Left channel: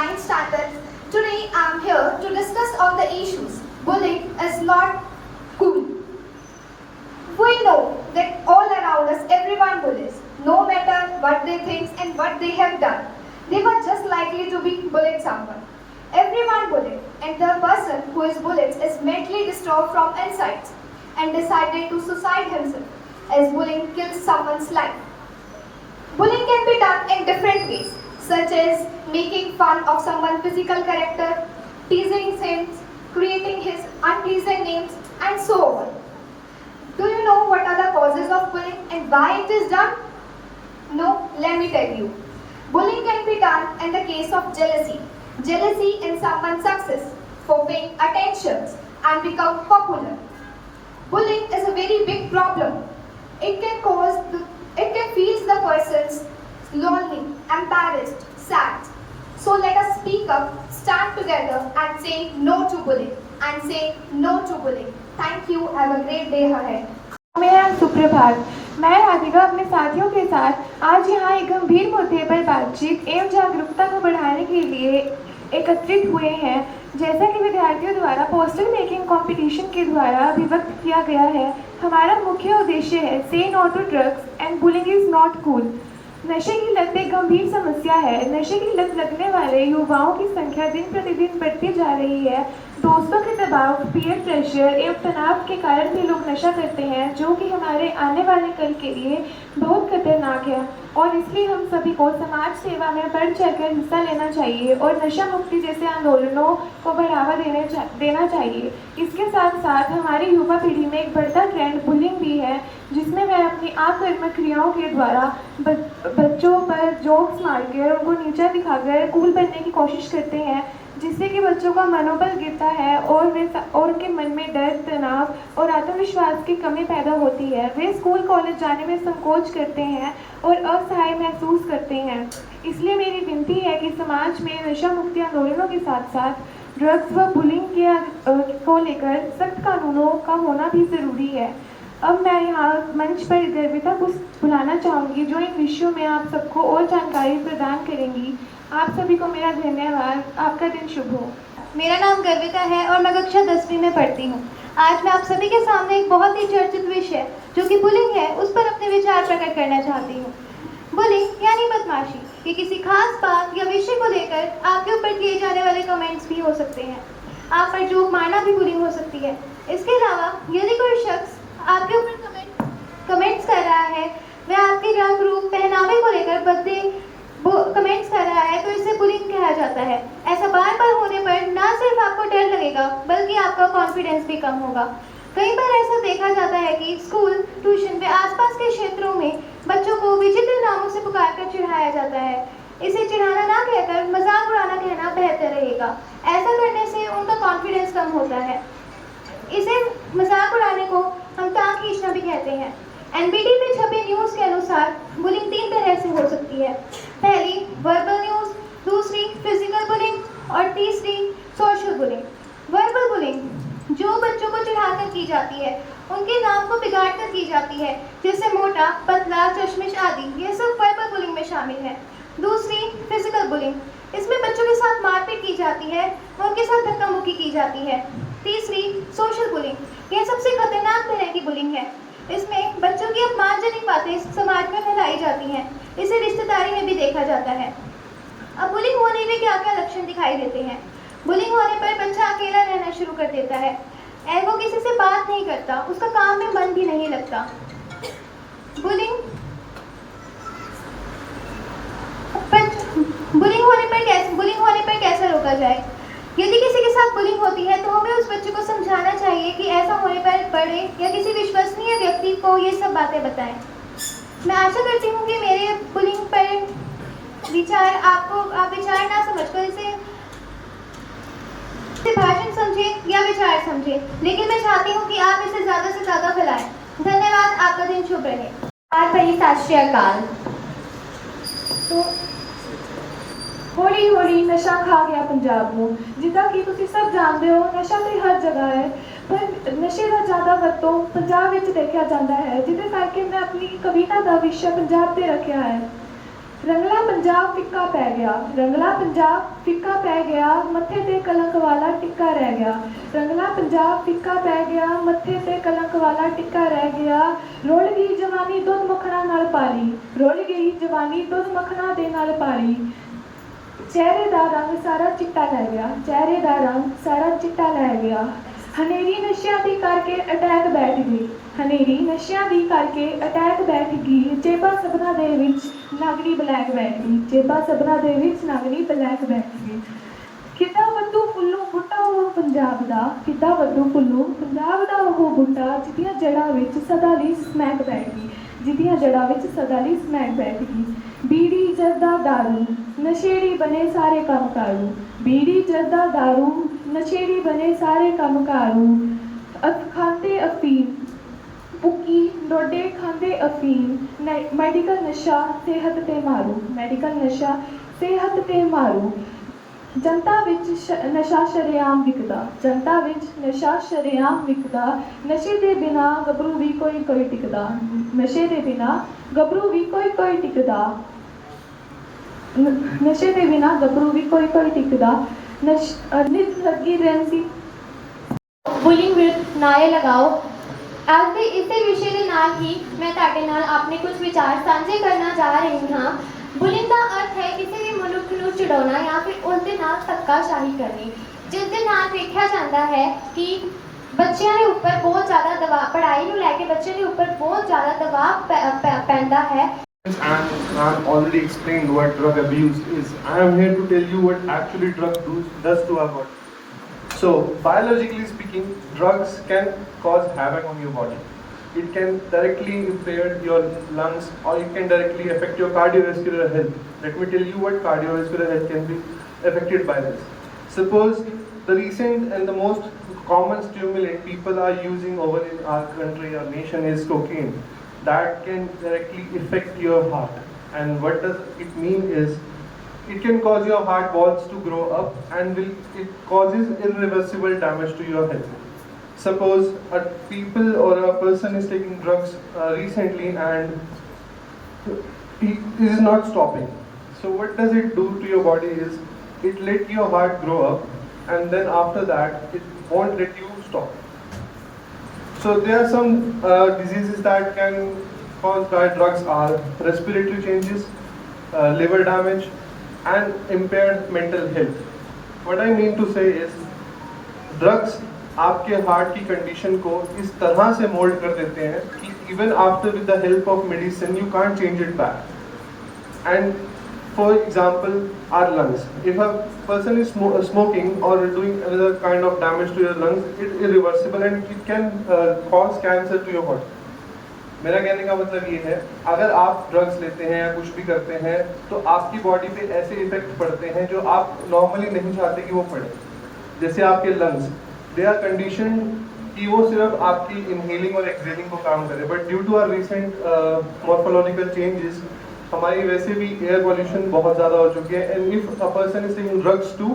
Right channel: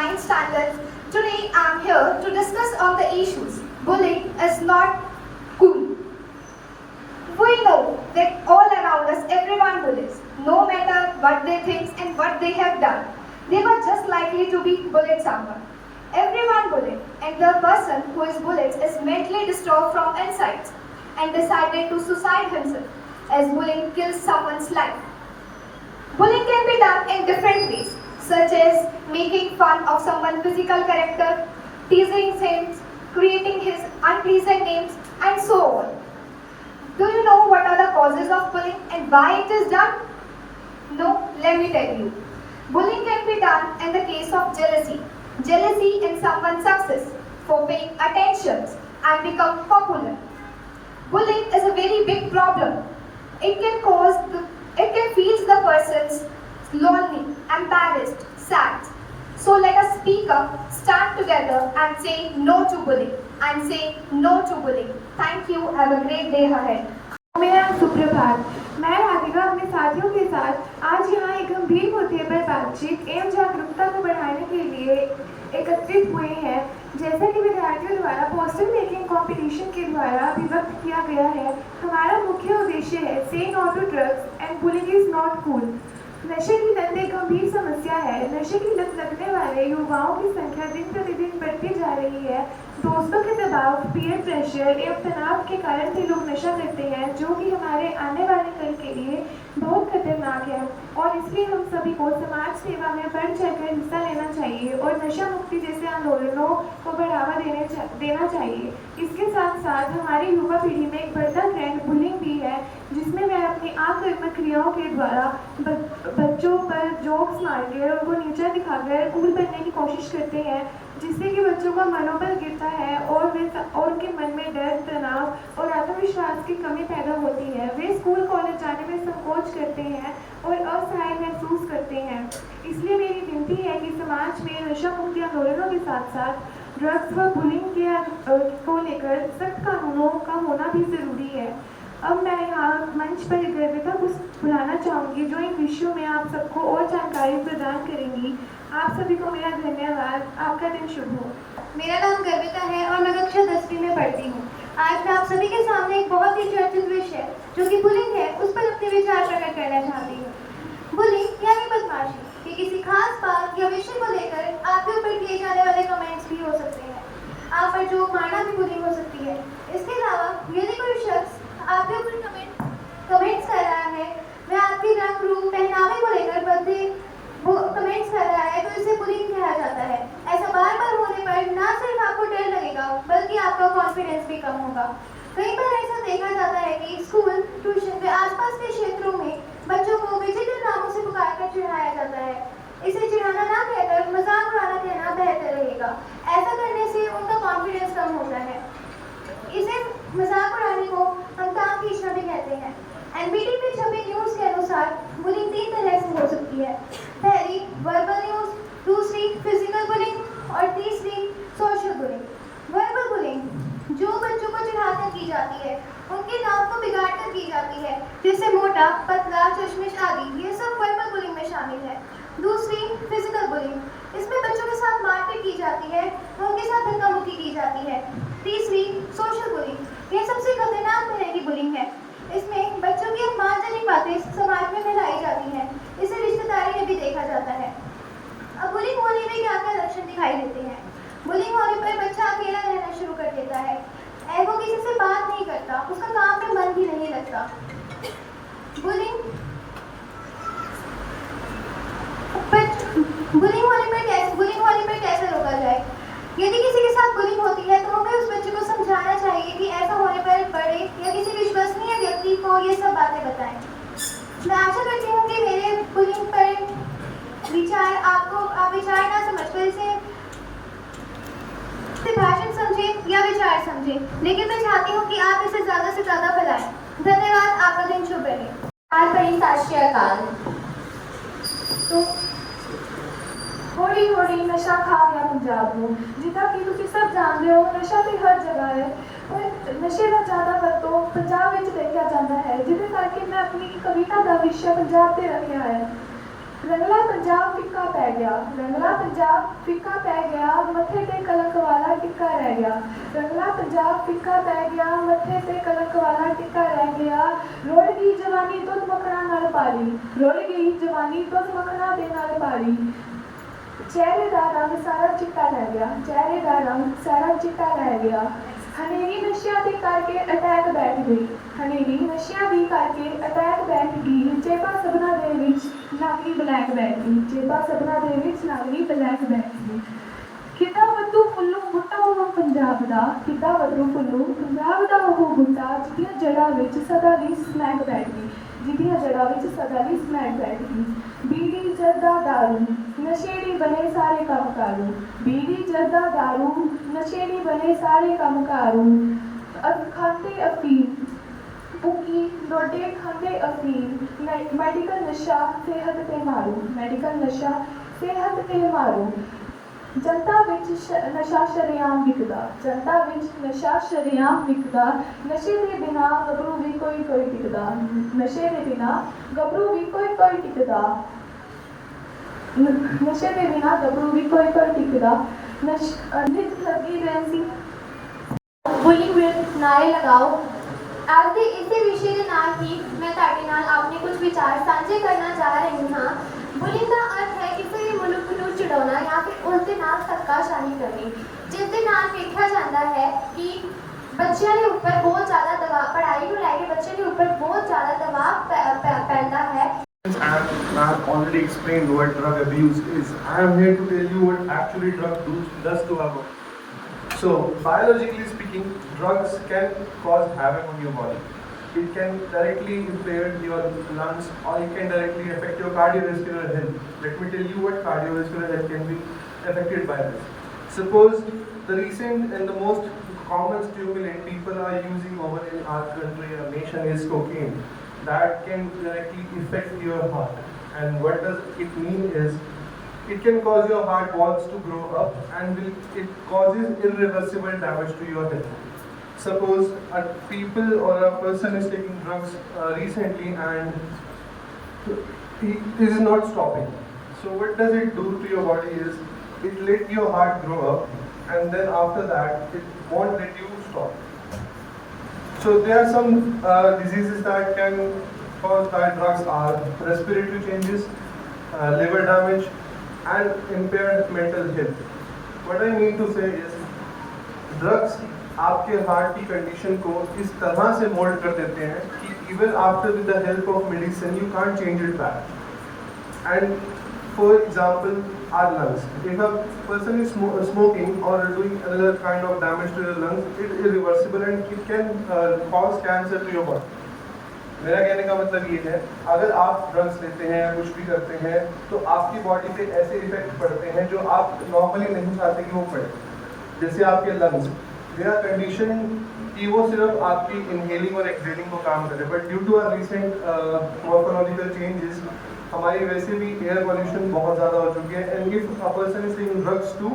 9th standard. Today I am here to discuss on the issues. Bullying is not cool. We know that all around us everyone bullies, no matter what they think and what they have done. They were just likely to be bullied someone. Everyone bullied, and the person who is bullied is mentally disturbed from inside and decided to suicide himself, as bullying kills someone's life. Bullying can be done in different ways, such as making fun of someone's physical character, teasing him, creating his unpleasant names, and so on. Do you know what are the causes of bullying and why it is done? No, let me tell you. Bullying can be done in the case of jealousy. Jealousy in someone's success for paying attention and become popular. Bullying is a very big problem. It can feel the person's lonely, embarrassed, sad. So let us speak up, stand together and say no to bullying and say no to bullying. Thank you. Have a great day ahead. मेरा नाम सुप्रभात। मैं राधिका अपने साथियों के साथ आज यहाँ एक गंभीर मुद्दे पर बातचीत एवं जागरूकता को बढ़ाने के लिए एकत्रित हुए हैं। जैसा कि विद्यार्थियों द्वारा पोस्टर मेकिंग कंपटीशन के द्वारा अभिव्यक्त किया गया है, हमारा मुख्य उद्देश्य है say no to drugs and bullying is not cool. नशे की लत एक गंभीर समस्या है। नशे की लत लगने वाले युवाओं की संख्या दिन प्रतिदिन बढ़ती जा रही है। दोस्तों के दबाव, पीयर प्रेशर एवं तनाव के कारण भी लोग नशा करते हैं, जो कि हमारे आने वाले कल के लिए बहुत खतरनाक है। और इसलिए हम सभी को समाज सेवा में बढ़ चढ़कर हिस्सा लेना चाहिए और नशा मुक्ति जैसे आंदोलनों को बढ़ावा देना चाहिए। इसके साथ साथ हमारी युवा पीढ़ी में एक बढ़ता ट्रेंड बुलिंग भी है, जिसमें वह अपनी आक्रामक क्रियाओं के द्वारा बच्चों पर जोक्स मारकर उनको नीचा दिखाकर कूल बनने की कोशिश करते हैं, जिससे कि बच्चों का मनोबल गिरता है और उनके मन में डर, तनाव और आत्मविश्वास की कमी पैदा होती है। वे स्कूल कॉलेज जाने में संकोच करते हैं और असहाय महसूस करते हैं। इसलिए मेरी विनती है कि समाज में नशा मुक्ति आंदोलनों के साथ साथ ड्रग्स व बुलिंग को लेकर सख्त कानूनों का होना भी जरूरी है। अब मैं यहाँ मंच पर गर्विता को बुलाना चाहूँगी, जो इन विषयों में आप सबको और जानकारी प्रदान करेंगी। आप सभी को मेरा धन्यवाद। आपका दिन शुभ हो। मेरा नाम गर्विता है और मैं कक्षा 10वीं में पढ़ती हूँ। आज मैं आप सभी के सामने एक बहुत ही चर्चित विषय जो कि बुलिंग है, उस पर अपने विचार प्रकट करना चाहती हूँ। बुलिंग यानी बदमाशी, ये किसी खास बात या विषय को लेकर आपके ऊपर किए जाने वाले कमेंट्स भी हो सकते हैं। आप पर जोक मारना भी बुलिंग हो सकती है। इसके अलावा यदि कोई शख्स आपके ऊपर कमेंट्स कर रहा है, वह आपके रंग, रूप, पहनावे को लेकर कमेंट्स कर रहा है, तो इसे बुलिंग कहा जाता है। ऐसा बार बार होने पर ना सिर्फ आपको डर लगेगा, बल्कि आपका कॉन्फिडेंस भी कम होगा। कई बार ऐसा देखा जाता है कि स्कूल, ट्यूशन व आसपास के क्षेत्रों में बच्चों को विचित्र नामों से पुकार कर चिढ़ाया जाता है। इसे चिढ़ाना ना कहकर मजाक उड़ाना कहना बेहतर रहेगा। ऐसा करने से उनका कॉन्फिडेंस कम होता है। इसे मजाक उड़ाने को हम टांग खींचना भी कहते हैं। एनबीटी में छपे न्यूज़ के अनुसार बुलिंग 3 तरह से हो सकती है। पहली वर्बल न्यूज़, दूसरी फिजिकल बुलिंग और तीसरी सोशल बुलिंग। वर्बल बुलिंग जो बच्चों को चिढ़ाकर की जाती है, उनके नाम को बिगाड़ कर की जाती है, जैसे मोटा, पतला, चश्मिश आदि, ये सब वर्बल बुलिंग में शामिल है। दूसरी फिजिकल बुलिंग, इसमें बच्चों के साथ मारपीट की जाती है, उनके साथ धक्का मुक्की की जाती है। तीसरी सोशल बुलिंग, यह सबसे खतरनाक तरह की बुलिंग है। इसमें बच्चों की अपमानजनक बातें समाज में फैलाई जाती हैं। इसे रिश्तेदारी में भी देखा जाता है। अब बुलिंग होने में क्या क्या लक्षण दिखाई देते हैं? बुलिंग होने पर बच्चा अकेला रहना शुरू कर देता है। वो किसी से बात नहीं करता, उसका काम में मन भी नहीं लगता। बुलिंग होने पर कैसे रोका जाए? यदि किसी के साथ बुलिंग होती है तो हमें उस बच्चे को समझाना चाहिए कि ऐसा होने पर बड़े या किसी विश्वसनीय व्यक्ति को ये सब बातें बताएं। मैं आशा करती हूँ कि मेरे बुलिंग पर विचार आप विचार ना समझकर इसे भाषण समझें या विचार समझें, लेकिन मैं चाहती हूँ कि आप इसे ज़्यादा से ज़्यादा फैलाएं। धन्यवाद। आपका दिन शुभ रहे। सत श्री अकाल। हौली हौली नशा खा गया पंजाब ਨੂੰ। ਜਿੱਦਾਂ ਕਿ ਤੁਸੀਂ ਸਭ ਜਾਣਦੇ ਹੋ, ਨਸ਼ਾ ਤੇ ਹਰ ਜਗ੍ਹਾ ਹੈ, ਪਰ ਨਸ਼ੇ ਦਾ ਜ਼ਿਆਦਾ ਵਰਤੋਂ ਪੰਜਾਬ ਵਿੱਚ ਦੇਖਿਆ ਜਾਂਦਾ ਹੈ, ਜਿਹਦੇ ਕਰਕੇ ਮੈਂ ਆਪਣੀ ਕਵਿਤਾ ਦਾ ਵਿਸ਼ਾ ਪੰਜਾਬ ਤੇ ਰੱਖਿਆ ਹੈ। रंगला पंजाब फिक्का पै गया, रंगला पंजाब फिक्का पै गया, मत्थे ते कलंक वाला टिक्का रह गया। रंगला पंजाब फिक्का पै गया, मत्थे ते कलंक वाला टिक्का रह गया। रुड़ गई जवानी दुध मक्खना नाल पाली, रुड़ गई जवानी दुध मक्खना दे नाल पाली। चेहरे दा रंग सारा चिट्टा लै गया, चेहरे दा रंग सारा चिट्टा लै गया। हनेरी नशियां दी करके अटैक बैठ गई, हनेरी नशियां दी करके अटैक बैठ गई। जेबा सबना दे विच नागरी ब्लैक बैठ गई, जेबा सबना दे विच नागरी ब्लैक बैठ गई। किदा वधू फुल्लू बूटा हो पंजाब दा, किदा वधू फुल्लू पंजाब दा ओह बूटा जिहदियां जड़ां विच सदा लई समैक बैठ गई, जिहदियां जड़ां विच सदा लई समैक बैठ गई। बीड़ी जर्दा दारू नशेड़ी बने सारे काम कारू, बीड़ी जर्दा दारू नशेड़ी बने सारे काम कारू। खाते अफीम भुक्की डोडे खाते अफीम। मैडिकल नशा सेहत ते मारू, मैडिकल नशा सेहत ते मारू। जनता विच नशा शरेआम विकदा, जनता विच नशा शरेआम विकदा। नशे दे बिना गभरू भी कोई टिकदा, नशे दे बिना गभरू भी कोई टिकदा। नशे दे बिना गभरू भी कोई टिकदा। नित लगी रहंदी ਬੁਲਿੰਗ ਵਿਰੁੱਧ ਨਾਅਰੇ ਲਗਾਓ। ਅੱਜ ਦੇ ਇਸੇ ਵਿਸ਼ੇ ਦੇ ਨਾਲ ਹੀ ਮੈਂ ਤੁਹਾਡੇ ਨਾਲ ਆਪਣੇ ਕੁਝ ਵਿਚਾਰ ਸਾਂਝੇ ਕਰਨਾ ਚਾਹ ਰਹੀ ਹਾਂ। ਬੁਲਿੰਗ ਦਾ ਅਰਥ ਹੈ ਕਿਸੇ ਵੀ ਮਨੁੱਖ ਨੂੰ ਚਿੜਾਉਣਾ ਜਾਂ ਫਿਰ ਉਸ ਦੇ ਨਾਲ ਧੱਕਾਸ਼ਾਹੀ ਕਰਨੀ, ਜਿਸ ਦੇ ਨਾਲ ਵੇਖਿਆ ਜਾਂਦਾ ਹੈ ਕਿ ਬੱਚਿਆਂ ਦੇ ਉੱਪਰ ਬਹੁਤ ਜ਼ਿਆਦਾ ਦਬਾਅ, ਪੜ੍ਹਾਈ ਨੂੰ ਲੈ ਕੇ ਬੱਚੇ ਦੇ ਉੱਪਰ ਬਹੁਤ ਜ਼ਿਆਦਾ ਦਬਾਅ ਪੈਂਦਾ ਹੈ। I've already explained what drug abuse is. I am here to tell you what actually drug does to our body. So, biologically speaking, drugs can cause havoc on your body. It can directly impair your lungs or it can directly affect your cardiovascular health. Let me tell you what cardiovascular health can be affected by this. Suppose the recent and the most common stimulant people are using over in our country, our nation, is cocaine. That can directly affect your heart. And what does it mean is, it can cause your heart valves to grow up and it causes irreversible damage to your health. Suppose a people or a person is taking drugs recently and it is not stopping. So what does it do to your body is, it let your heart grow up and then after that it won't let you stop. So there are some diseases that can caused by drugs are respiratory changes, liver damage, and impaired mental health. What I mean to say is, drugs आपके heart की condition को इस तरह से mould कर देते हैं कि even after with the help of medicine you can't change it back. And for example, our lungs. If a person is smoking or doing another kind of damage to your lungs, it is irreversible and it can cause cancer to your body. मेरा कहने का मतलब ये है, अगर आप drugs लेते हैं या कुछ भी करते हैं तो आपकी बॉडी पे ऐसे इफेक्ट पड़ते हैं जो आप नॉर्मली नहीं चाहते कि वो पड़े। जैसे आपके लंग्स, दे आर कंडीशन कि वो सिर्फ आपकी इनहेलिंग और एक्सहेलिंग को काम करे, but due to our recent morphological changes हमारी वैसे भी एयर पॉल्यूशन बहुत ज़्यादा हो चुकी है and if a person is taking drugs too,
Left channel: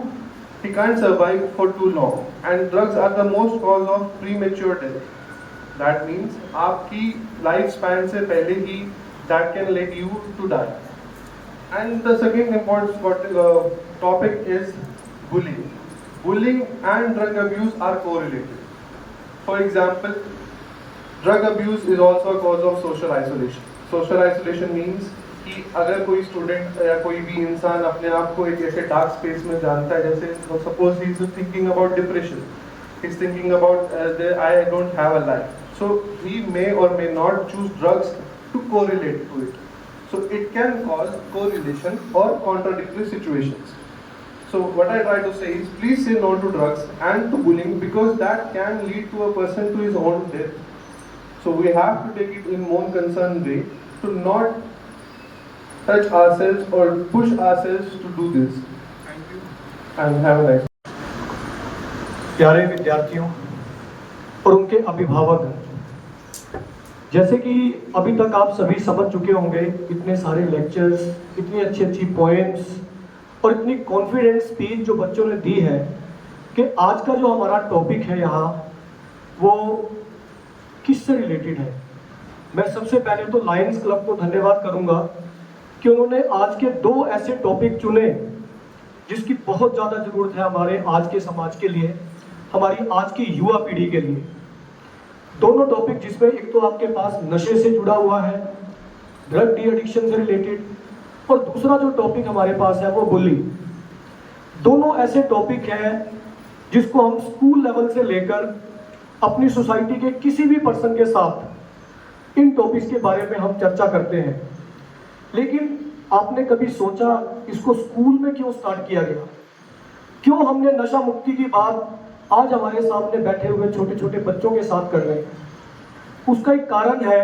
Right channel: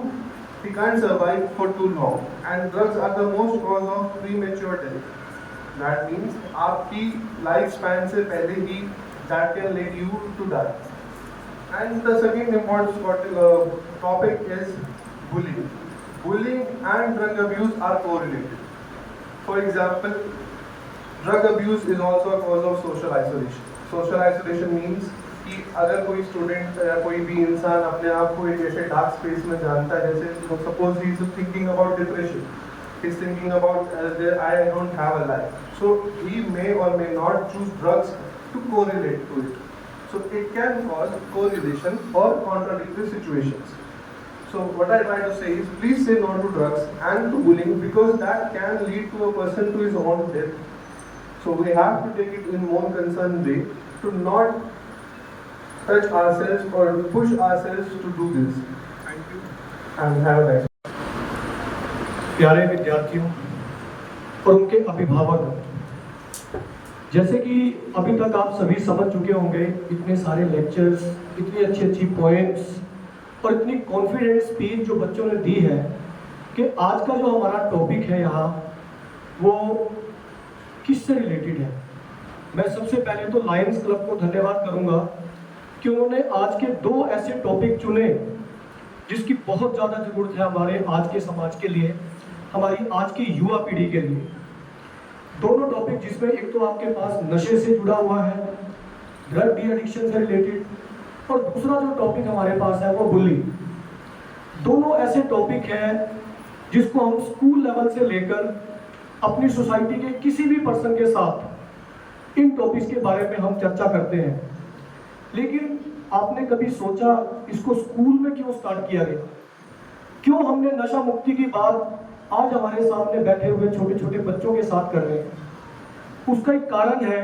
he can't survive for too long, and drugs are the most cause of premature death. That means आपकी life span से पहले ही that can lead you to die. And the second important topic is bullying. Bullying and drug abuse are correlated. For example, drug abuse is also a cause of social isolation. Social isolation means कि अगर कोई student या कोई भी इंसान अपने आप को एक ऐसे डार्क स्पेस में जानता है, जैसे suppose he is thinking about depression, he is thinking about I don't have a life, so he may or may not choose drugs to correlate to it. So it can cause correlation or contradictory situations. So what I try to say is, please say no to drugs and to bullying, because that can lead to a person to his own death. So we have to take it in more concerned way to not touch ourselves or push ourselves to do this. Thank you and have a nice day. प्यारे विद्यार्थियों और उनके अभिभावक, जैसे कि अभी तक आप सभी समझ चुके होंगे, इतने सारे लेक्चर्स, इतनी अच्छी अच्छी पोएम्स और इतनी कॉन्फिडेंट स्पीच जो बच्चों ने दी है, कि आज का जो हमारा टॉपिक है यहाँ वो किससे रिलेटेड है। मैं सबसे पहले तो लायंस क्लब को धन्यवाद करूँगा कि उन्होंने आज के 2 ऐसे टॉपिक चुने जिसकी बहुत ज़्यादा ज़रूरत है हमारे आज के समाज के लिए, हमारी आज की युवा पीढ़ी के लिए। दोनों टॉपिक जिसमें एक तो आपके पास नशे से जुड़ा हुआ है, ड्रग डी एडिक्शन से रिलेटेड, और दूसरा जो टॉपिक हमारे पास है वो बुली। दोनों ऐसे टॉपिक हैं जिसको हम स्कूल लेवल से लेकर अपनी सोसाइटी के किसी भी पर्सन के साथ इन टॉपिक्स के बारे में हम चर्चा करते हैं। लेकिन आपने कभी सोचा इसको स्कूल में क्यों स्टार्ट किया गया? क्यों हमने नशा मुक्ति की बात आज हमारे सामने बैठे हुए छोटे छोटे बच्चों के साथ कर रहे हैं? उसका एक कारण है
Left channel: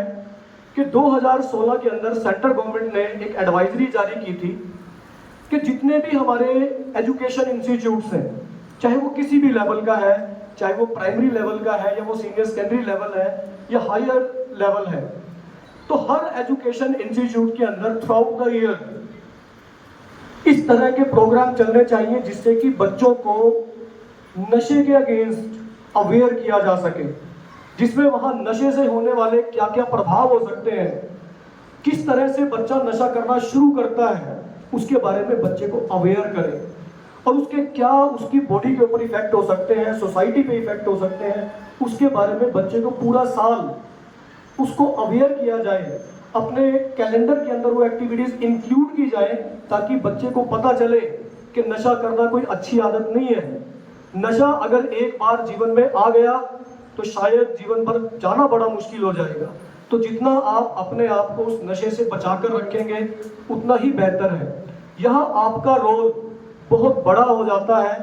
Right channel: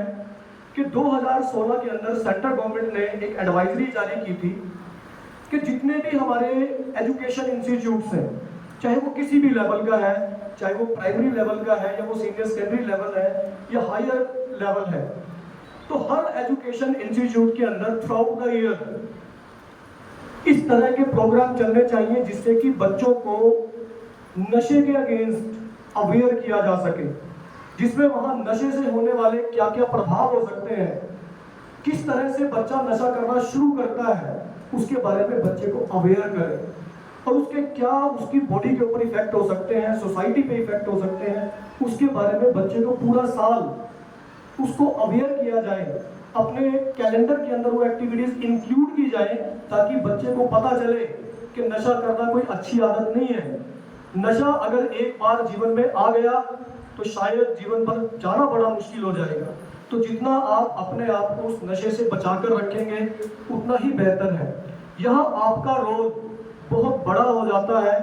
कि 2016 के अंदर सेंट्रल गवर्नमेंट ने एक एडवाइजरी जारी की थी कि जितने भी हमारे एजुकेशन इंस्टीट्यूट्स हैं, चाहे वो किसी भी लेवल का है, चाहे वो प्राइमरी लेवल का है या वो सीनियर सेकेंडरी लेवल है या हायर लेवल है, तो हर एजुकेशन इंस्टीट्यूट के अंदर थ्रू आउट द ईयर इस तरह के प्रोग्राम चलने चाहिए जिससे कि बच्चों को नशे के अगेंस्ट अवेयर किया जा सके, जिसमें वहां नशे से होने वाले क्या क्या प्रभाव हो सकते हैं, किस तरह से बच्चा नशा करना शुरू करता है, उसके बारे में बच्चे को अवेयर करें, और उसके क्या उसकी बॉडी के ऊपर इफेक्ट हो सकते हैं, सोसाइटी पे इफेक्ट हो सकते हैं, उसके बारे में बच्चे को पूरा साल उसको अवेयर किया जाए, अपने कैलेंडर के अंदर वो एक्टिविटीज इंक्लूड की जाए ताकि बच्चे को पता चले कि नशा करना कोई अच्छी आदत नहीं है। नशा अगर एक बार जीवन में आ गया तो शायद जीवन भर जाना बड़ा मुश्किल हो जाएगा। तो जितना आप अपने आप को उस नशे से बचाकर रखेंगे उतना ही बेहतर है। यहाँ आपका रोल बहुत बड़ा हो जाता है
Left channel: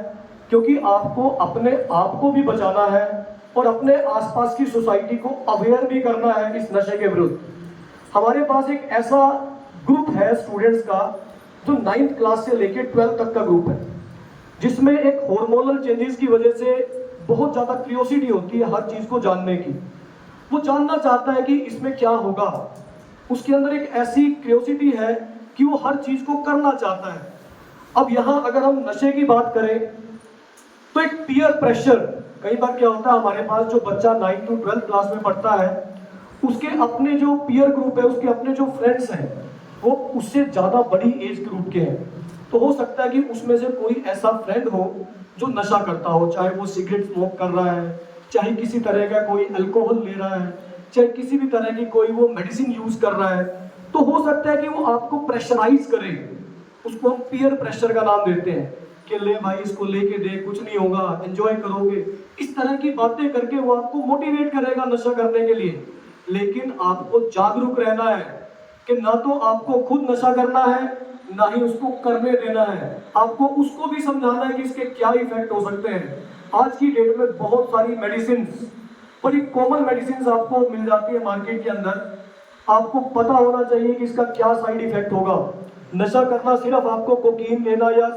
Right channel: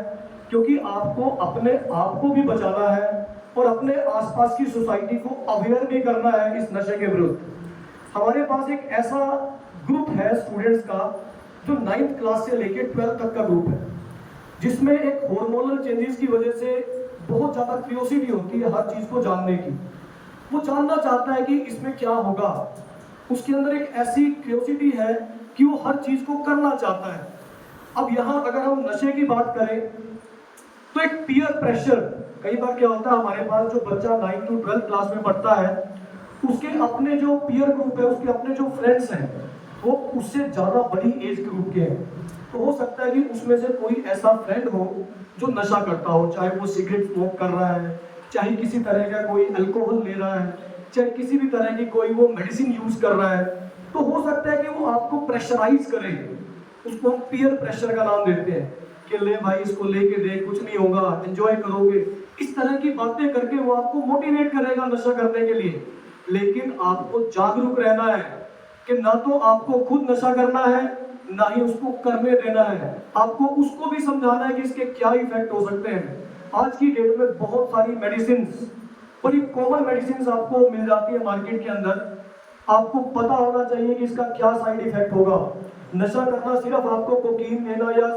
क्योंकि आपको अपने आप को भी बचाना है और अपने आसपास की सोसाइटी को अवेयर भी करना है इस नशे के विरुद्ध। हमारे पास एक ऐसा ग्रुप है स्टूडेंट्स का जो 9th क्लास से लेकर 12th तक का ग्रुप है, जिसमें एक हार्मोनल चेंजेस की वजह से बहुत ज़्यादा क्यूरियोसिटी होती है हर चीज़ को जानने की। वो जानना चाहता है कि इसमें क्या होगा, उसके अंदर एक ऐसी क्यूरियोसिटी है कि वो हर चीज़ को करना चाहता है। अब यहाँ अगर हम नशे की बात करें तो एक पीयर प्रेशर, कई बार क्या होता है हमारे पास जो बच्चा 9th to 12th क्लास में पढ़ता है उसके अपने जो पीयर ग्रुप है, उसके अपने जो फ्रेंड्स हैं वो उससे ज़्यादा बड़ी एज ग्रुप के हैं। तो हो सकता है कि उसमें से कोई ऐसा फ्रेंड हो जो नशा करता हो, चाहे वो सिगरेट स्मोक कर रहा है, चाहे किसी तरह का कोई अल्कोहल ले रहा है, चाहे किसी भी तरह की कोई वो मेडिसिन यूज़ कर रहा है। तो हो सकता है कि वो आपको प्रेशराइज करे, उसको हम पीयर प्रेशर का नाम देते हैं कि ले भाई इसको लेके देख, कुछ नहीं होगा, एंजॉय करोगे। इस तरह की बातें करके वो आपको मोटिवेट करेगा नशा करने के लिए। लेकिन आपको जागरूक रहना है कि ना तो आपको खुद नशा करना है ना ही उसको करने देना है। आपको उसको भी समझाना है कि इसके क्या इफेक्ट हो सकते हैं। आज की डेट में बहुत सारी मेडिसिन, बड़ी कॉमन मेडिसिन आपको मिल जाती है मार्केट के अंदर। आपको पता होना चाहिए कि इसका क्या साइड इफेक्ट होगा। नशा करना सिर्फ आपको कोकीन लेना या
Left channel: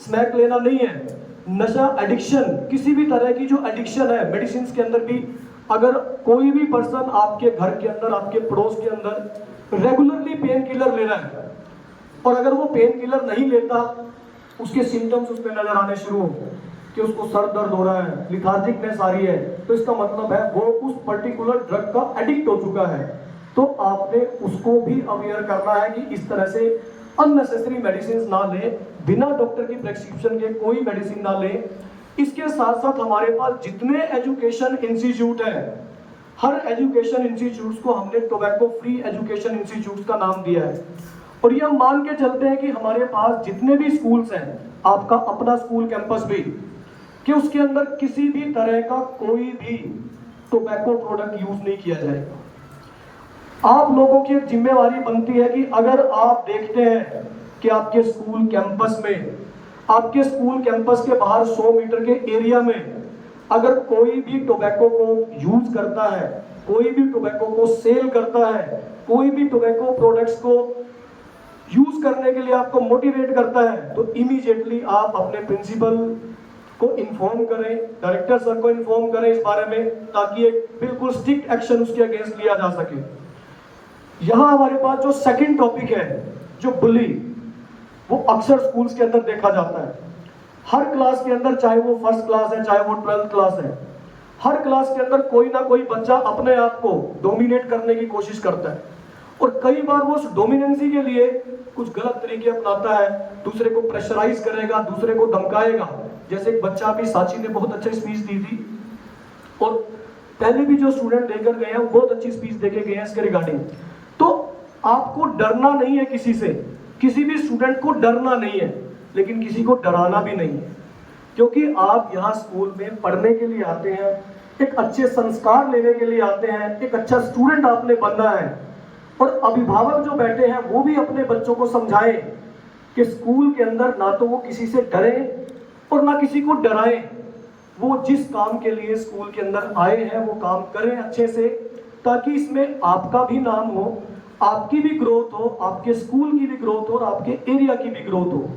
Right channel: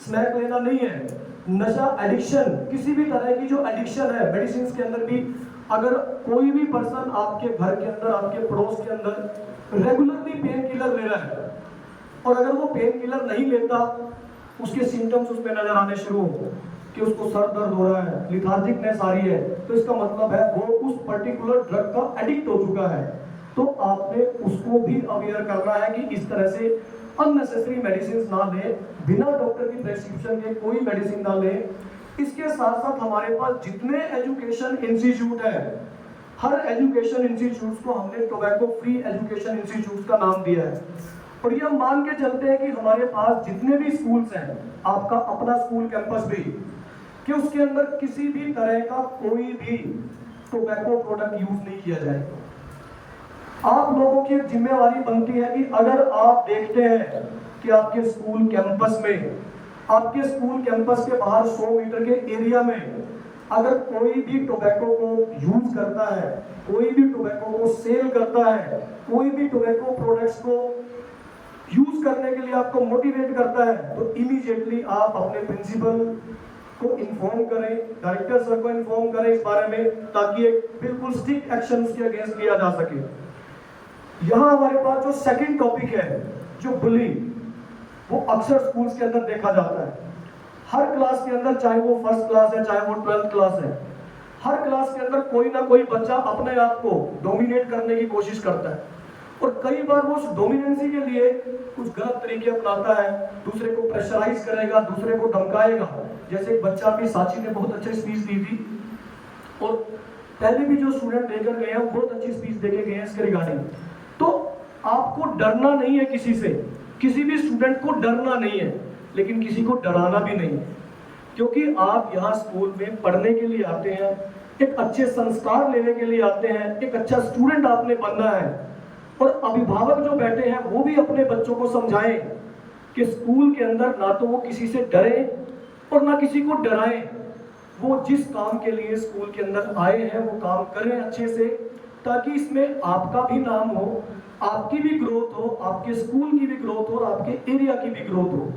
स्मैक लेना नहीं है। नशा एडिक्शन, किसी भी तरह की जो एडिक्शन है मेडिसिन के अंदर भी, अगर कोई भी पर्सन आपके घर के अंदर, आपके पड़ोस के अंदर रेगुलरली पेन किलर ले रहा है और अगर वो पेन किलर नहीं लेता, उसके सिम्टम्स उस पर नजर आने शुरू हो कि उसको सर दर्द हो रहा है, लिथार्जिकनेस आ रही है, तो इसका मतलब है वो उस पर्टिकुलर ड्रग का एडिक्ट हो चुका है। तो आपने उसको भी अवेयर करना है कि इस तरह से अननेसेसरी मेडिसिन ना लें, बिना डॉक्टर की प्रेस्क्रिप्शन के कोई मेडिसिन ना लें। इसके साथ साथ हमारे पास जितने एजुकेशन इंस्टीट्यूट है, हर एजुकेशन इंस्टीट्यूट को हमने टोबैको फ्री एजुकेशन इंस्टीट्यूट का नाम दिया है। और ये हम मान के चलते हैं कि हमारे पास जितने भी स्कूल्स हैं, आपका अपना स्कूल कैंपस भी, कि उसके अंदर किसी भी तरह का कोई भी टोबैको प्रोडक्ट यूज नहीं किया जाए। आप लोगों की एक जिम्मेवारी बनती है कि अगर आप देखते हैं कि आपके स्कूल कैंपस में, आपके स्कूल कैंपस के बाहर 100 मीटर के एरिया में अगर कोई भी टोबैको को यूज करता है, कोई भी टोबैको को सेल करता है, कोई भी टोबैको प्रोडक्ट्स को यूज करने के लिए आपको मोटिवेट करता है, तो इमीडिएटली आप अपने प्रिंसिपल को इन्फॉर्म करें, डायरेक्टर सर को इन्फॉर्म करें इस बारे में, ताकि एक बिल्कुल स्ट्रिक्ट एक्शन उसके अगेंस्ट लिया जा सके। यहाँ हमारे पास जो सेकंड टॉपिक है, जो बुली, वो अक्सर स्कूल्स के अंदर देखा जाता है। हर क्लास के अंदर, चाहे वो फर्स्ट क्लास है, चाहे वो 12th क्लास है, हर क्लास के अंदर कोई ना कोई बच्चा अपने आप को डोमिनेट करने की कोशिश करता है और कई बार वो उस डोमिनेंसी के लिए कुछ गलत तरीके अपनाता है, दूसरे को प्रेशराइज करेगा, दूसरे को धमकाएगा। जैसे एक बच्चा भी, साची ने बहुत अच्छी स्पीच दी थी, और पहले भी जो स्टूडेंट देकर गए हैं वो बहुत अच्छी स्पीच देके गए हैं इसके रिगार्डिंग। तो आपको डरना नहीं है किसी से, किसी भी स्टूडेंट को डरना नहीं है, लेकिन किसी को डराना भी नहीं है, क्योंकि आप यहाँ स्कूल में पढ़ने के लिए आते हैं, एक अच्छे संस्कार लेने के लिए आते हैं, एक अच्छा स्टूडेंट आपने बनना है। और अभिभावक जो बैठे हैं वो भी अपने बच्चों को समझाएं कि स्कूल के अंदर ना तो वो किसी से डरे और ना किसी को डराएं। वो जिस काम के लिए स्कूल के अंदर आए हैं वो काम करें अच्छे से, ताकि इसमें आपका भी नाम हो, आपकी भी ग्रोथ हो, आपके स्कूल की भी ग्रोथ हो और आपके एरिया की भी ग्रोथ हो।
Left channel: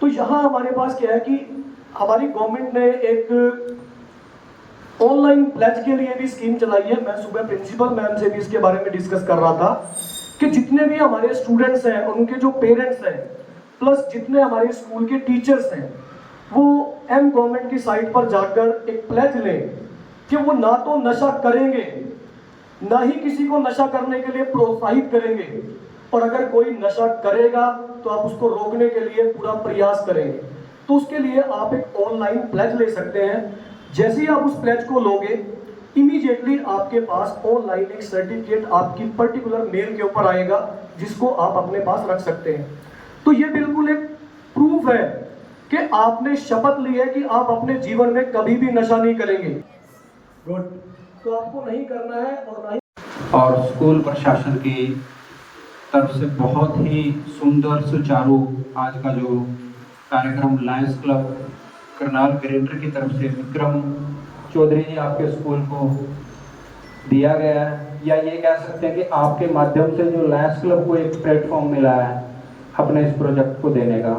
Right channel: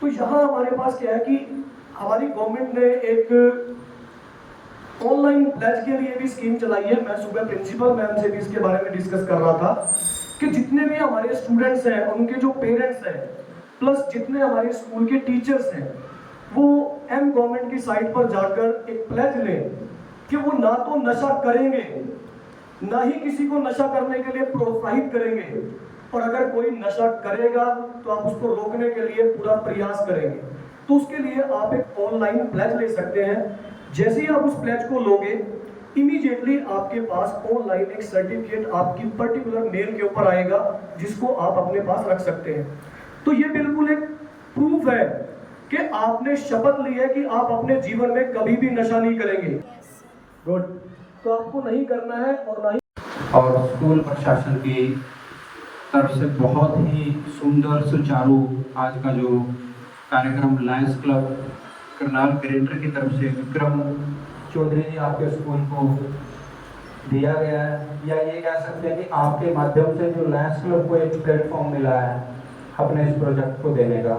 तो यहाँ हमारे पास क्या है कि हमारी गवर्नमेंट ने एक ऑनलाइन प्लेज के लिए भी स्कीम चलाई है। मैं सुबह प्रिंसिपल मैम से भी इसके बारे में डिस्कस कर रहा था कि जितने भी हमारे स्टूडेंट्स हैं, उनके जो पेरेंट्स हैं, प्लस जितने हमारे स्कूल के टीचर्स हैं, वो एम गवर्नमेंट की साइट पर जाकर एक प्लेज लें कि वो ना तो नशा करेंगे, ना ही किसी को नशा करने के लिए प्रोत्साहित करेंगे, और अगर कोई नशा करेगा तो आप उसको रोकने के लिए पूरा प्रयास करेंगे। तो उसके लिए आप एक ऑनलाइन प्लेज ले सकते हैं। जैसे ही आप उस प्लेज को लोगे, इमीडिएटली आपके पास ऑनलाइन एक सर्टिफिकेट आपकी पर्टिकुलर नेम के ऊपर आएगा, जिसको आप अपने पास रख सकते हैं। तो ये बिल्कुल एक प्रूफ है कि आपने शपथ ली है कि आप अपने जीवन में कभी भी नशा नहीं करेंगे। गुड। तो आपको नहीं करना है और ना ही। और स्कूल प्रशासन की तरफ से बहुत ही सुंदर सुचारू आज का जो कार्यक्रम लायंस क्लब करनाल ग्रेटर की तरफ से विक्रम चौधरी जी आपके स्कूल को दिया गया है, या ये कह सकते हैं कि आपके माध्यम से जो लायंस क्लब को एक प्लेटफॉर्म मिला है अपने इस प्रोजेक्ट को देने का,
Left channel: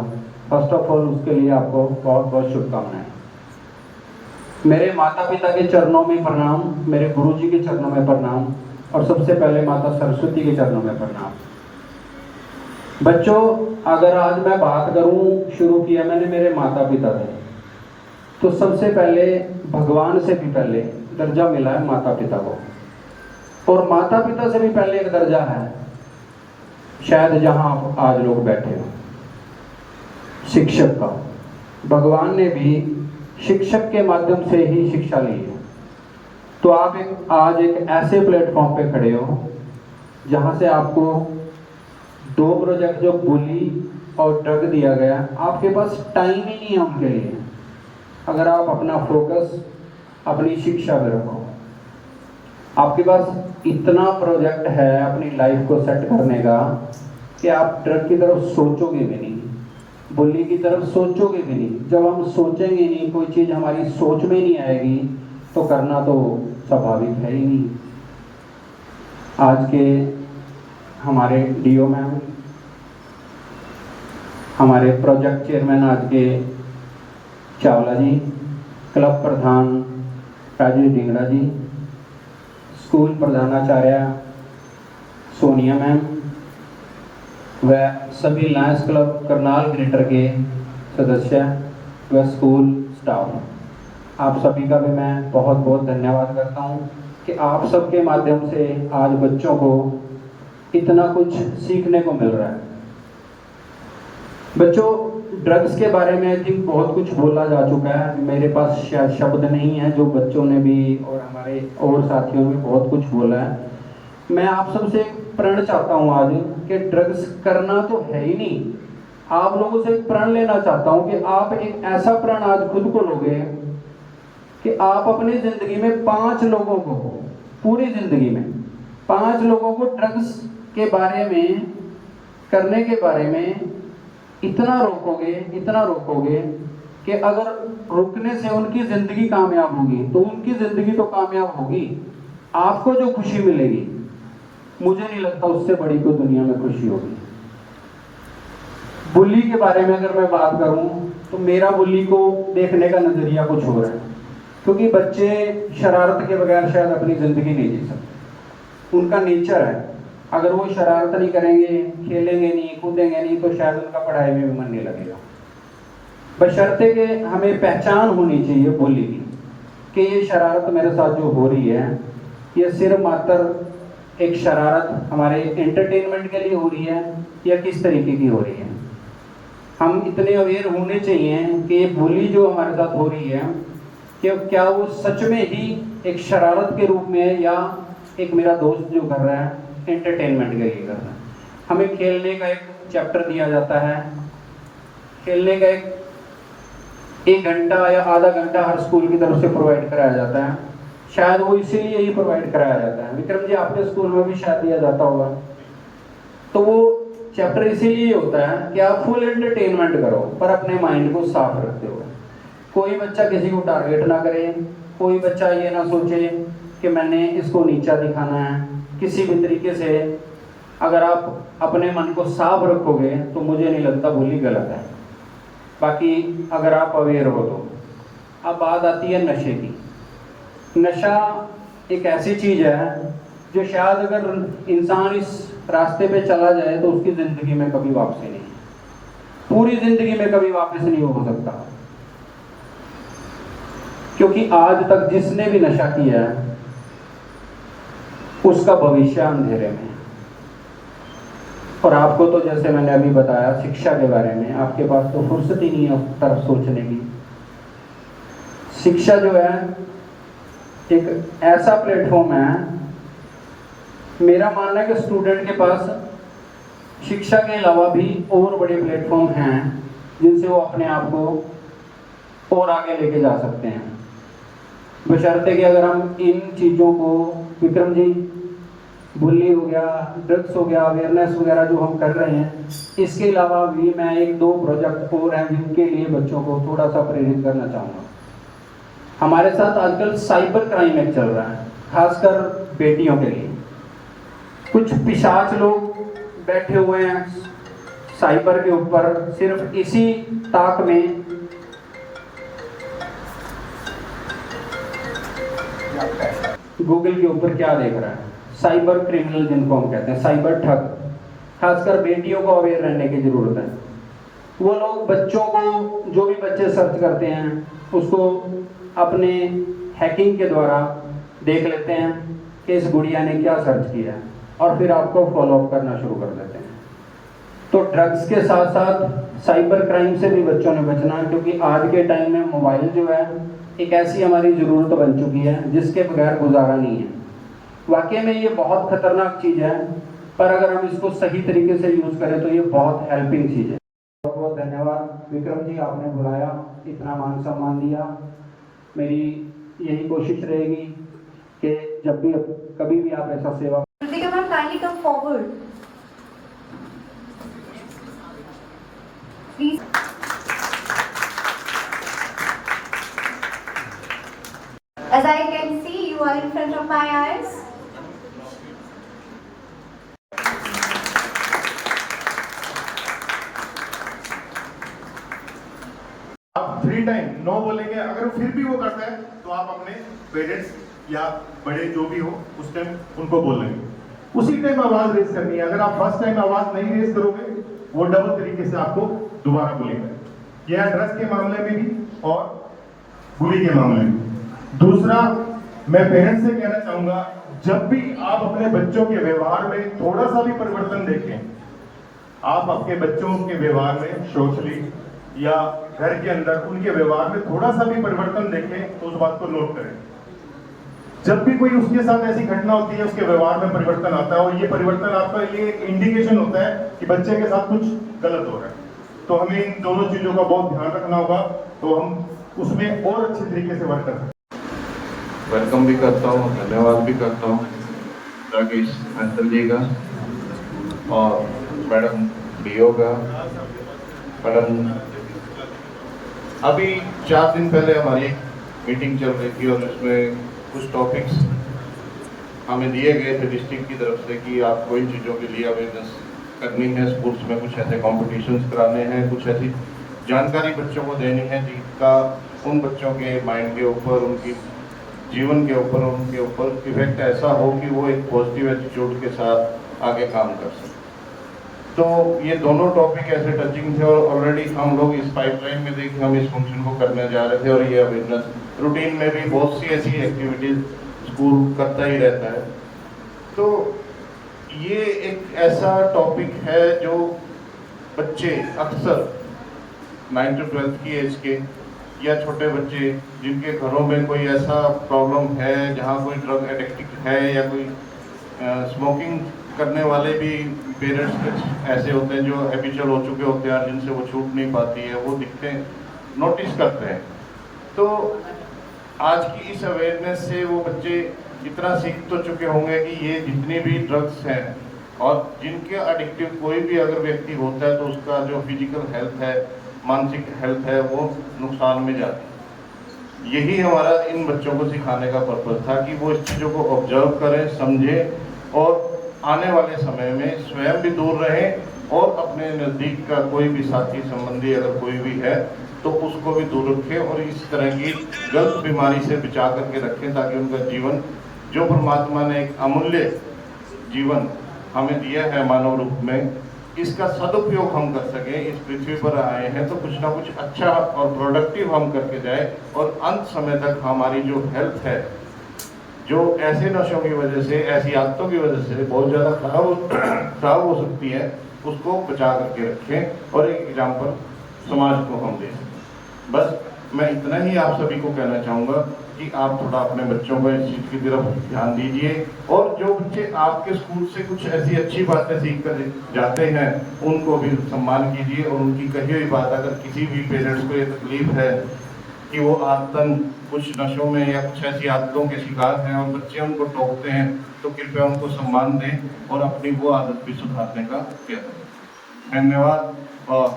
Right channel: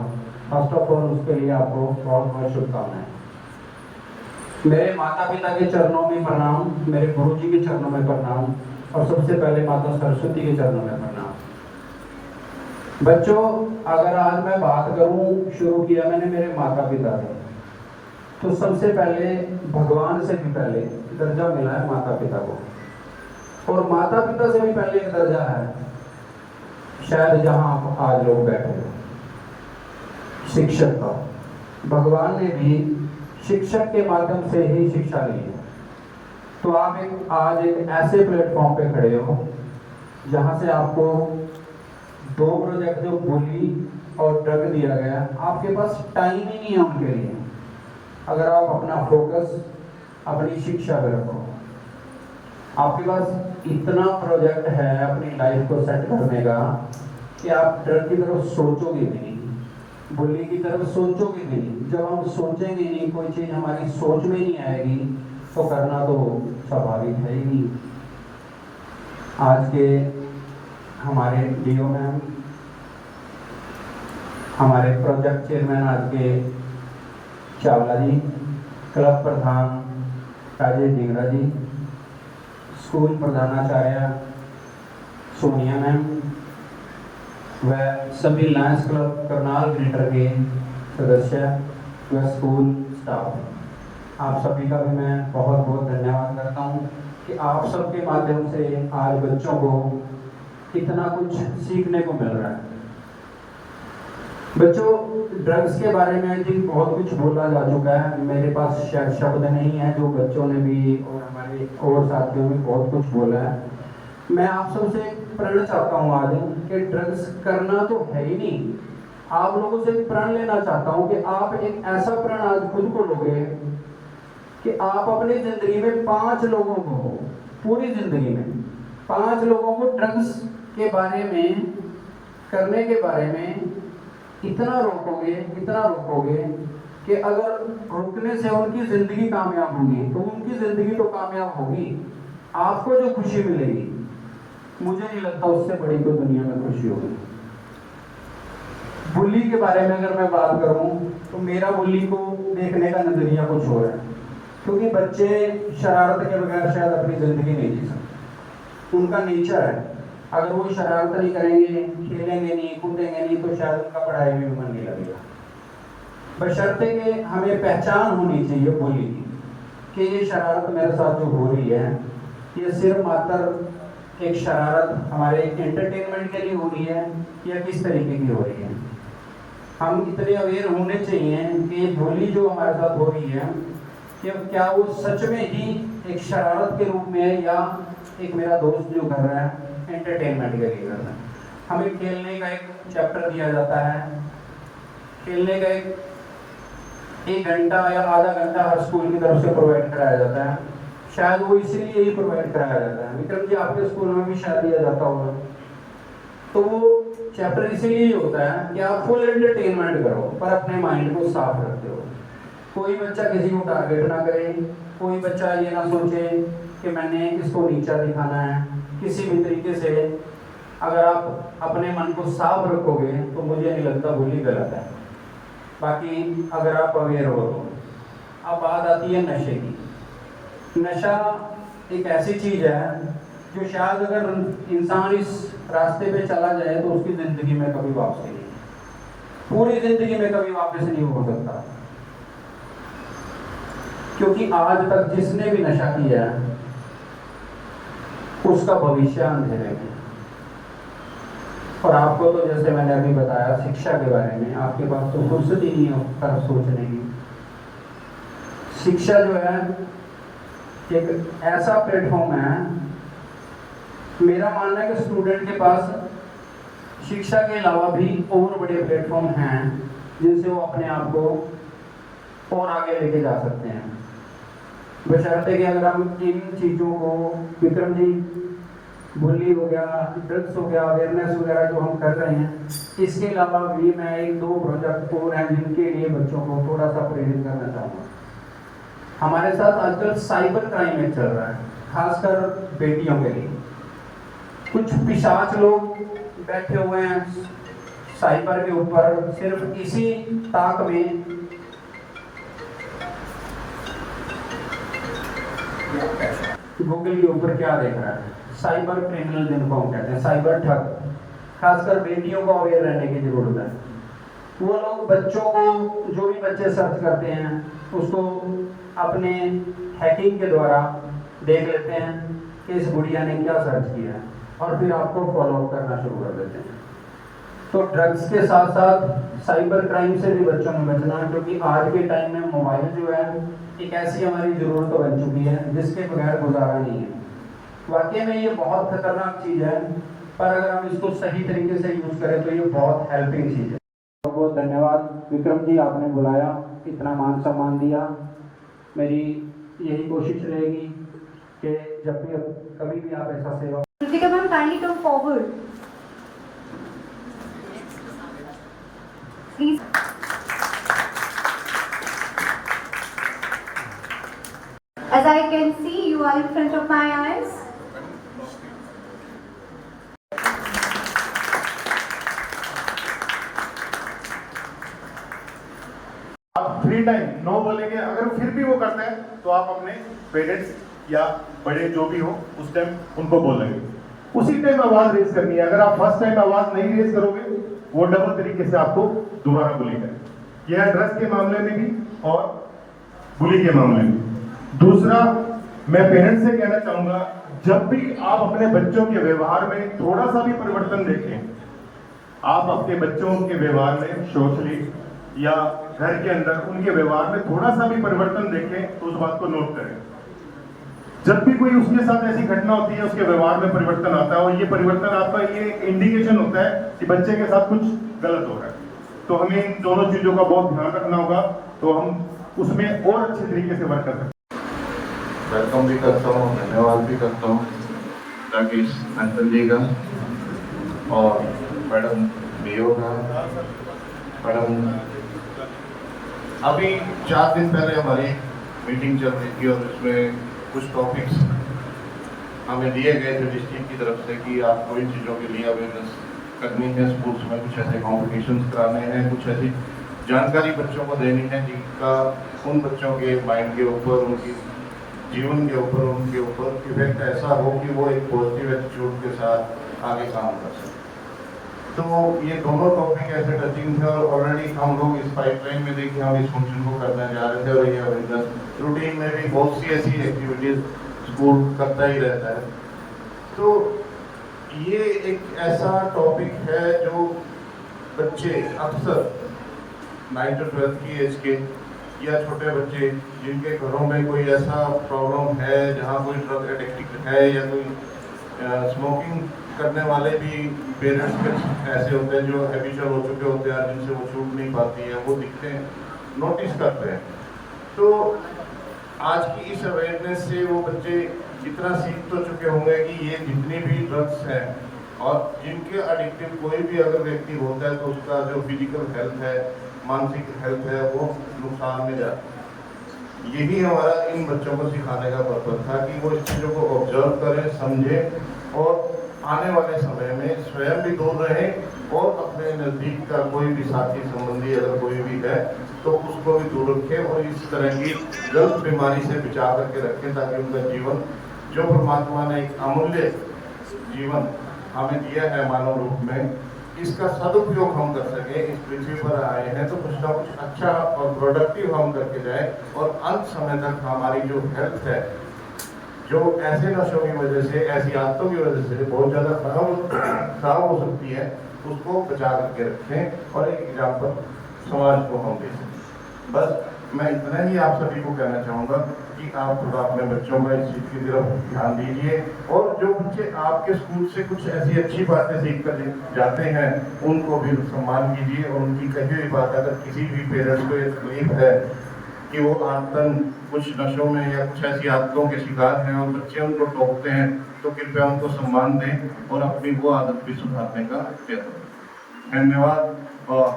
फर्स्ट ऑफ ऑल उसके लिए आपको बहुत बहुत शुभकामनाएं। मेरे माता पिता के चरणों में प्रणाम, मेरे गुरु जी के चरणों में प्रणाम, और सबसे पहले माता सरस्वती के चरणों में प्रणाम। बच्चों, अगर आज मैं बात करूं, शुरू किया मैंने मेरे माता पिता से, तो सबसे पहले भगवान से भी पहले दर्जा मिला है माता पिता को, और माता पिता से भी पहले एक दर्जा है शायद जहां आप आज लोग बैठे हो, शिक्षक का। भगवान ने भी शिक्षक के माध्यम से ही शिक्षा ली है। तो आप आज एक ऐसे प्लेटफॉर्म पे खड़े हो जहां से आपको 2 प्रोजेक्ट जो बुली और ड्रग दिया गया, आपके पास टाइम ही नहीं है उनके लिए। अगर आप अपना फोकस अपनी शिक्षा पे रखो, आपके पास इतना प्रोजेक्ट है अपनी लाइफ को सेट करने का कि आप ड्रग की तरफ सोचोगे भी नहीं, बुली की तरफ सोचोगे भी नहीं। जब हम सोचेंगे नहीं, कोई चीज़ हमारी सोच में नहीं आएगी, तो करना तो स्वाभाविक है ही नहीं। आज के हमारे डीओ मैम, हमारे प्रोजेक्ट चेयरमैन आज के चावला जी, क्लब प्रधान राजेश डिंगड़ा जी, स्कूल प्रधानाचार्य सोनिया मैम व सभी लायंस क्लब करनाल ग्रेटर के सदस्य व स्कूल स्टाफ, आप सभी का भी मैं बहुत बहुत धन्यवाद करता हूं कि आप सबके माध्यम से आज बच्चों को इतना कुछ सीखने को मिल रहा है। बच्चों, ड्रग्स के बारे में आई थिंक बहुत कुछ बोला जा चुका है, मेरे पास शायद शब्द नहीं है, जो बच्चों ने भी और हमारे और साथियों ने बहुत कुछ बोला है। मैं आप सबसे प्रण चाहता हूँ आज कि ड्रग्स करना तो है ही नहीं, आप लोगों से प्रण लेना चाहता हूँ कि आप एक ऐसा प्रण आज खुद को लोगे कि आप अपनी जिंदगी में 5 लोगों को, पूरी जिंदगी में 5 लोगों को ड्रग्स के बारे में, करने के बारे में इतना रोकोगे कि अगर रुकने से उनकी जिंदगी कामयाब होगी तो उनकी जिंदगी तो कामयाब होगी, आपको जो खुशी मिलेगी मुझे नहीं लगता उससे बड़ी कोई दुनिया में खुशी होगी। बुली के बारे में अगर मैं बात करूं तो मेरा बुली को देखने का नजरिया कुछ हो रहा है, क्योंकि बच्चे शरारत के बगैर शायद अपनी जिंदगी नहीं जी सकते, उनका नेचर है। अगर वो शरारत नहीं करेंगे, खेलेंगे नहीं, कूदेंगे नहीं, तो शायद उनका पढ़ाई में भी मन नहीं लगेगा। बशर्ते कि हमें पहचान होनी चाहिए बुली की कि ये शरारत मेरे साथ जो हो रही है, ये सिर्फ मात्र एक शरारत हमारे एंटरटेनमेंट के लिए हो रही है या किस तरीके की हो रही है। हम इतने अवेयर होने चाहिए कि ये बुली जो हमारे साथ हो रही है कि क्या वो सच में ही एक शरारत के रूप में है या एक मेरा दोस्त जो कर रहा है एंटरटेनमेंट के लिए कर रहा है। हमें खेलने का एक चैप्टर दिया जाता है, खेलने का एक घंटा या आधा घंटा हर स्कूल की तरफ से प्रोवाइड कराया जाता है। शायद वो इसीलिए ही प्रोवाइड कराया जाता है। विक्रम जी, आपके स्कूल में भी शायद दिया जाता होगा। तो वो चैप्टर इसीलिए होता है कि आप फुल एंटरटेनमेंट करो पर अपने माइंड को साफ रखते हो। कोई बच्चा किसी को टारगेट ना करे, कोई बच्चा ये ना सोचे कि मैंने इसको नीचा दिखाना है। किसी भी तरीके से अगर आप अपने मन को साफ रखोगे तो मुझे नहीं लगता बुली गलत है। बाकी अगर आप अवेयर हो तो अब बात आती है नशे की। नशा एक ऐसी चीज़ है जो शायद अगर इंसान इस रास्ते पे चला जाए तो उसकी ज़िंदगी में कभी वापसी नहीं, पूरी ज़िंदगी में कभी वापस नहीं हो सकता। क्योंकि आज तक जिसने भी नशा किया है उसका भविष्य अंधेरे में। और आपको तो जैसे मैंने अभी बताया शिक्षा के बारे में, आपके पास तो फुर्सत ही नहीं है उस तरफ सोचने की। शिक्षा जो है एक ऐसा प्लेटफॉर्म है, मेरा मानना है कि स्टूडेंट के पास शिक्षा के अलावा भी और बड़े प्लेटफॉर्म हैं जिनसे वो अपने आप को और आगे लेके जा सकते हैं। बशर्ते कि अगर हम इन चीज़ों को, विक्रम जी, बुली हो गया, ड्रग्स हो गया, अवेयरनेस वगैरह जो हम कर रहे हैं, इसके अलावा भी मैं 1-2 प्रोजेक्ट और हैं जिनके लिए बच्चों को थोड़ा सा प्रेरित करना चाहूँगा। हमारे साथ आजकल साइबर क्राइम एक चल रहा है, खासकर बेटियों के लिए। कुछ पिशाच लोग बैठे हुए हैं साइबर के ऊपर, सिर्फ इसी ताक में गूगल के ऊपर क्या देख रहा है। साइबर क्रिमिनल जिनको हम कहते हैं, साइबर ठग, खासकर बेटियों को अवेयर रहने की जरूरत है। वो लोग बच्चों को, जो भी बच्चे सर्च करते हैं उसको अपने हैकिंग के द्वारा देख लेते हैं कि इस गुड़िया ने क्या सर्च किया है और फिर आपको फॉलो अप करना शुरू कर देते हैं। तो ड्रग्स के साथ साथ साइबर क्राइम से भी बच्चों ने बचना, क्योंकि आज के टाइम में मोबाइल जो है एक ऐसी हमारी ज़रूरत बन चुकी है जिसके बगैर गुजारा नहीं है। वाकई में ये बहुत खतरनाक चीज़ है, पर अगर हम इसको सही तरीके से यूज़ करें तो ये बहुत हेल्पिंग चीज़ है। बहुत बहुत धन्यवाद विक्रम जी, आपने बुलाया, इतना मान सम्मान दिया। मेरी यही कोशिश रहेगी कि जब भी कभी भी आप ऐसा सेवा। Kritika ma'am, kindly come forward. Please. As I can see, you are in front of my eyes. आप फ्री टाइम नो बोलेंगे, अगर फिर भी वो करते हैं तो आप अपने पेरेंट्स या बड़े जो भी हो उस टाइम उनको बोलेंगे, उसी टाइम आवाज रेस करनी है। अगर आप फर्स्ट टाइम आवाज नहीं रेस करोगे वो डबल तरीके से आपको दोबारा बोलेगा। यह ड्रग्स के मामले में भी और बुली के मामले में। दूसरा, मैं पेरेंट्स से कहना चाहूंगा, जब भी आप अपने बच्चों के व्यवहार में थोड़ा सा भी परिवर्तन देखें, आप आपके बच्चों के व्यवहार में सोशली या घर के अंदर उनके व्यवहार में थोड़ा सा भी परिवर्तन देखें तो उस बात को नोट करें। जब भी कोई उसके साथ ऐसी घटना होती है, उसके व्यवहार में परिवर्तन आता है और ये परिवर्तन आपका ये एक इंडिकेशन होता है कि बच्चे के साथ कुछ गलत हो रहा है। तो हमें इन दोनों चीजों का बहुत ध्यान रखना होगा, तो हम उसमें और अच्छे तरीके से वर्क कर सकते हैं। वेलकम भी करता हूँ, धन्यवाद भी करता हूँ राकेश अंकल जी का और मैडम बीओ का। मैडम, अभी 4 दिन पहले हमारी मीटिंग चल रही थी और उसमें कुछ टॉपिक्स हमें दिए गए थे डिस्ट्रिक्ट की तरफ से कि आपको इन चीज़ों के लिए अवेयरनेस करनी है, स्कूल्स में कुछ ऐसे कॉम्पिटिशन्स कराने हैं, कुछ ऐसी जानकारी बच्चों को देनी है जिनका उन बच्चों के माइंड के ऊपर, उनकी जीवन के ऊपर, उनके ऊपर इफेक्ट ऐसा हो कि वो एक पॉजिटिव एटीट्यूड के साथ आगे काम कर सकें। तो ये दोनों टॉपिक ऐसे टचिंग थे और ऑलरेडी हम लोग इस पाइपलाइन में देखिए हम इस फंक्शन को करने जा रहे थे और ये अवेयरनेस रूटीन में भी बहुत सी ऐसी एक्टिविटीज स्कूल करता ही रहता है। तो ये एक ऐसा टॉपिक है जो बच्चे अक्सर 9 to 12 की एज के या छोटे बच्चे जिनके घरों में कोई ऐसा प्रॉब्लम है जहाँ कोई ड्रग एडिक्ट है या कोई स्मोकिंग करने वाले भी पेरेंट्स कुछ ऐसे होते हैं जो हैबिचुअल हो चुके होते हैं जिनसे वो छूट नहीं पाती है, वो दिखते हैं, नोटिस करते हैं। तो आज की इस अवेयरनेस से वो बच्चे इतना सीख तो चुके होंगे कि ये जितनी भी ड्रग्स हैं और जिनके एडिक्टिव कोई भी अगर व्यक्ति होता है तो उसका जो फिजिकल हेल्थ है, मानसिक हेल्थ है, वो नुकसान में जाती है। यही हमारा इन बच्चों को सिखाने का पर्पज था कि वो इस चीज़ों को ऑब्जर्व करें, समझें और आने वाले समय में स्वयं भी दूर रहें और अपने नज़दीक का कोई भी साथी संबंधी अगर कोई भी है तो उसको भी दूर रखें और इस तरह की गलत बीमारी से बचा करके रखें ताकि उनका जीवन, जो परमात्मा ने एक अमूल्य जीवन हमें दिया है मानव रूप में, इसका सदुपयोग हम कर सकें। इस पृथ्वी पर आए हैं तो कुछ ना कुछ अच्छा और प्रोडक्टिव हम करके जाए और अंत समय तक हमारी जो हेल्थ है, जो ऐसे नशों की वजह से, ऐसी आदतों की वजह से बहुत ज़्यादा खराब हो सकती है, उसको बचा करके रखें और एक एग्जाम्पल समाज को हम दे सकें। बस मैं इतना ही आप सभी को कहना चाहूँगा कि आप थोड़ा अपने बच्चों को इस चीज़ की तरफ ध्यान दीजिए और जो बच्चे आपके स्कूल से कुछ ऐसी अच्छी बातें सीख कर जाते हैं उनको भी सम्मान कीजिए और उनकी कही हुई बात अगर किसी भी पेरेंट्स को ये तकलीफ है कि वो आदतन कुछ नशों में या कुछ ऐसी आदतों के शिकार हैं और बच्चे उनको टोकते हैं तो कृपया उनको सम्मान दें और अपनी वो आदत भी सुधारने का प्रयत्न करें। धन्यवाद और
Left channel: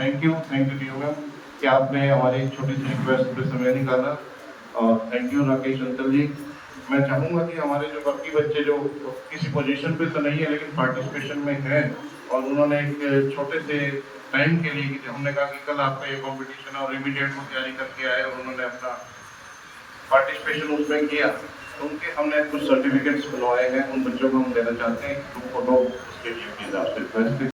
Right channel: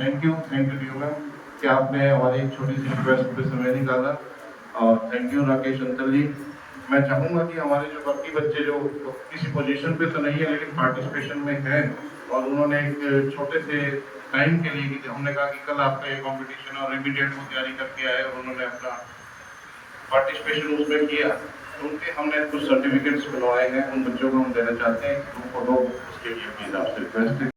thank you to you ma'am कि आपने हमारी छोटी सी रिक्वेस्ट पे समय निकाला और थैंक यू राकेश अंकल जी। मैं चाहूँगा कि हमारे जो बाकी बच्चे जो किसी पोजीशन पे तो नहीं है लेकिन पार्टिसिपेशन में हैं और उन्होंने एक छोटे से टाइम के लिए कि हमने कहा कि कल आपका ये कॉम्पिटिशन और इमीडिएट को तैयारी करके आए और उन्होंने अपना पार्टिसिपेशन उसमें किया, तो उनके हमने कुछ सर्टिफिकेट्स बनवाए हैं, उन बच्चों को हम देना चाहते हैं, उनको लोग इसके लिए